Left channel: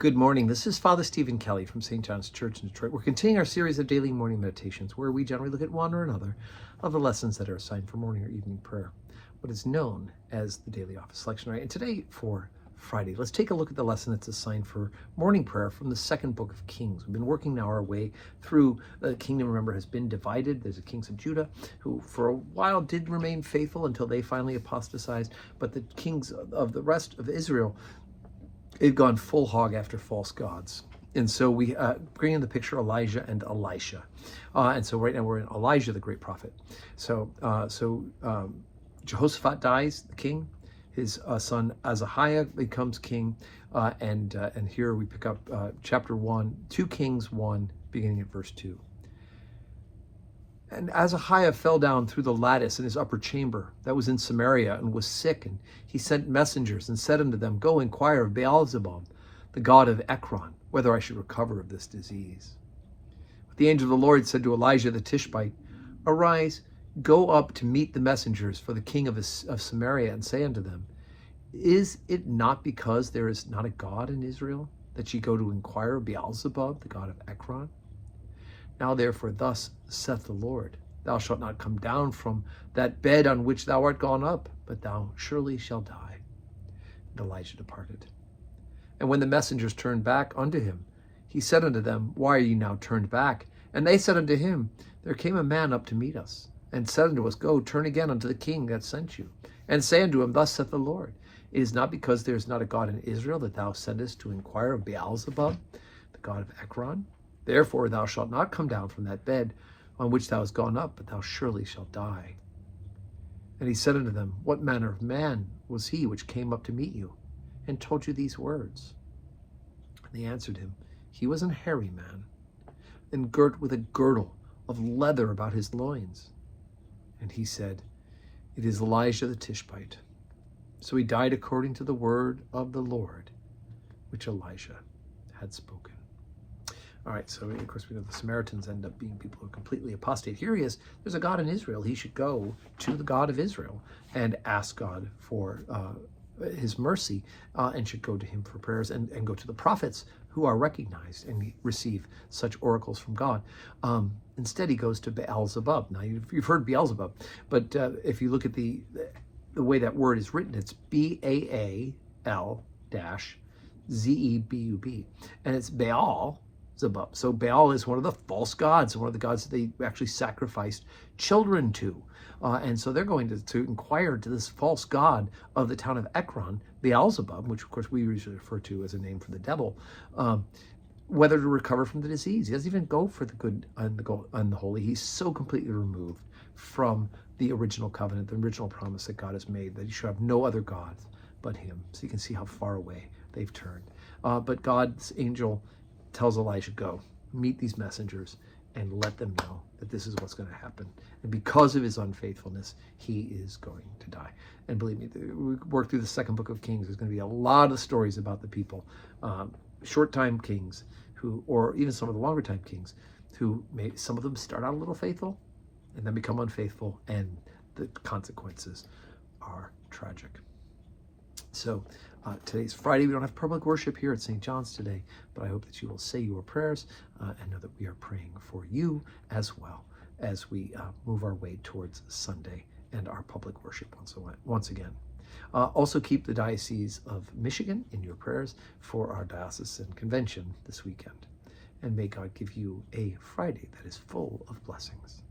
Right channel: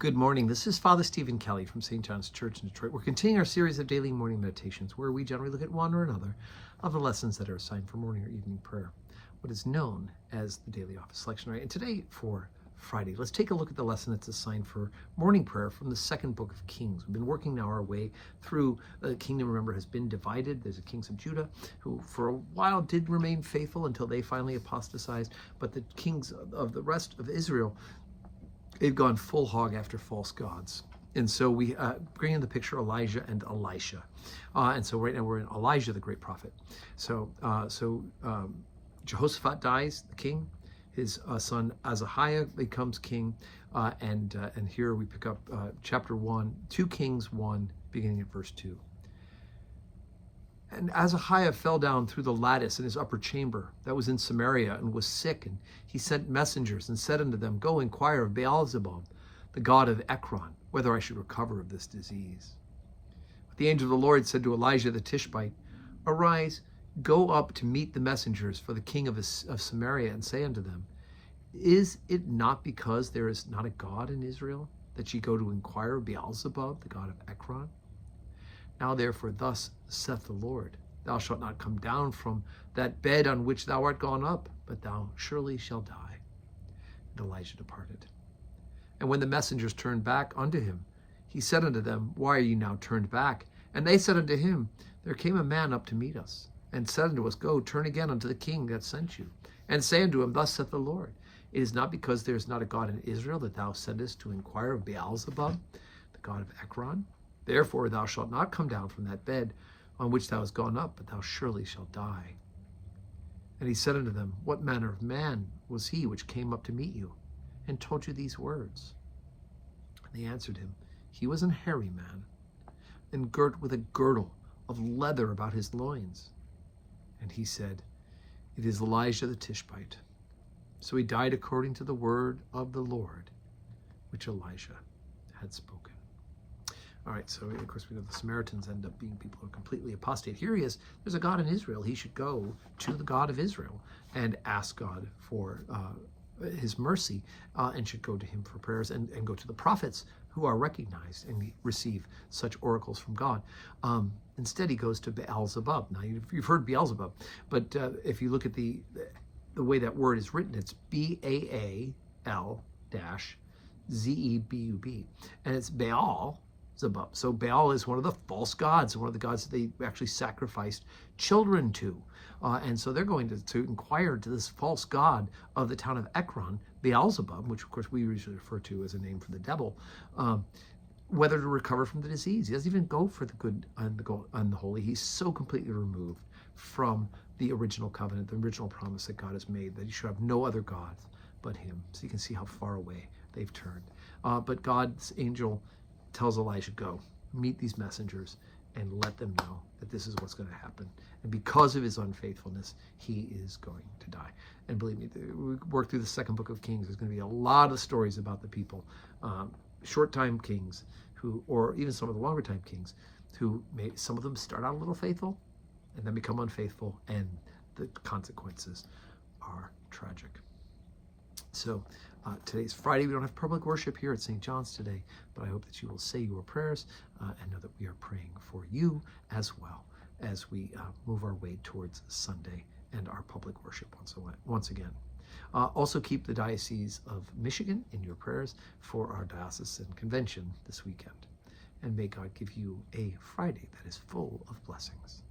Good morning. This is Father Stephen Kelly from St. John's Church in Detroit. We're continuing our series of daily morning meditations where we generally look at one or another of the lessons that are assigned for morning or evening prayer, what is known as the daily office lectionary. And today for Friday, let's take a look at the lesson that's assigned for morning prayer from the second book of Kings. We've been working now our way through the kingdom, remember, has been divided. There's the kings of Judah who for a while did remain faithful until they finally apostatized, but the kings of the rest of Israel, they've gone full hog after false gods. And so we bring in the picture Elijah and Elisha. And so right now we're in Elijah, the great prophet. So Jehoshaphat dies, the king. His son Ahaziah becomes king. And here we pick up chapter 1, 2 Kings 1, beginning at verse 2. And Ahaziah fell down through the lattice in his upper chamber that was in Samaria and was sick. And he sent messengers and said unto them, Go inquire of Beelzebub, the god of Ekron, whether I should recover of this disease. But the angel of the Lord said to Elijah the Tishbite, Arise, go up to meet the messengers for the king of Samaria, and say unto them, Is it not because there is not a God in Israel, that ye go to inquire of Beelzebub, the god of Ekron? Now therefore thus saith the Lord, Thou shalt not come down from that bed on which thou art gone up, but thou surely shalt die. And Elijah departed. And when the messengers turned back unto him, he said unto them, Why are ye now turned back? And they said unto him, There came a man up to meet us, and said unto us, Go, turn again unto the king that sent you, and say unto him, Thus saith the Lord, It is not because there is not a God in Israel that thou sendest to inquire of Beelzebub, the god of Ekron? Therefore thou shalt not come down from that bed on which thou hast gone up, but thou surely shalt die. And he said unto them, What manner of man was he which came up to meet you, and told you these words? And they answered him, He was an hairy man, and girt with a girdle of leather about his loins. And he said, It is Elijah the Tishbite. So he died according to the word of the Lord, which Elijah had spoken. All right, so of course we know the Samaritans end up being people who are completely apostate. Here he is, there's a God in Israel. He should go to the God of Israel and ask God for his mercy and should go to him for prayers and go to the prophets who are recognized and receive such oracles from God. Instead, he goes to Beelzebub. Now, you've heard Beelzebub, but if you look at the way that word is written, it's Baal-Zebub, and it's Baal Zebub. So Baal is one of the false gods, one of the gods that they actually sacrificed children to. And so they're going to inquire to this false god of the town of Ekron, Beelzebub, which of course we usually refer to as a name for the devil, whether to recover from the disease. He doesn't even go for the good and the holy. He's so completely removed from the original covenant, the original promise that God has made, that he should have no other gods but him. So you can see how far away they've turned. But God's angel tells Elijah, Go, meet these messengers and let them know that this is what's going to happen. And because of his unfaithfulness, he is going to die. And believe me, we work through the second book of Kings. There's going to be a lot of stories about the people, short-time kings, or even some of the longer-time kings, who some of them start out a little faithful and then become unfaithful, and the consequences are tragic. So today's Friday. We don't have public worship here at St. John's today, but I hope that you will say your prayers and know that we are praying for you as well as we move our way towards Sunday and our public worship once again. Also keep the Diocese of Michigan in your prayers for our diocesan convention this weekend. And may God give you a Friday that is full of blessings.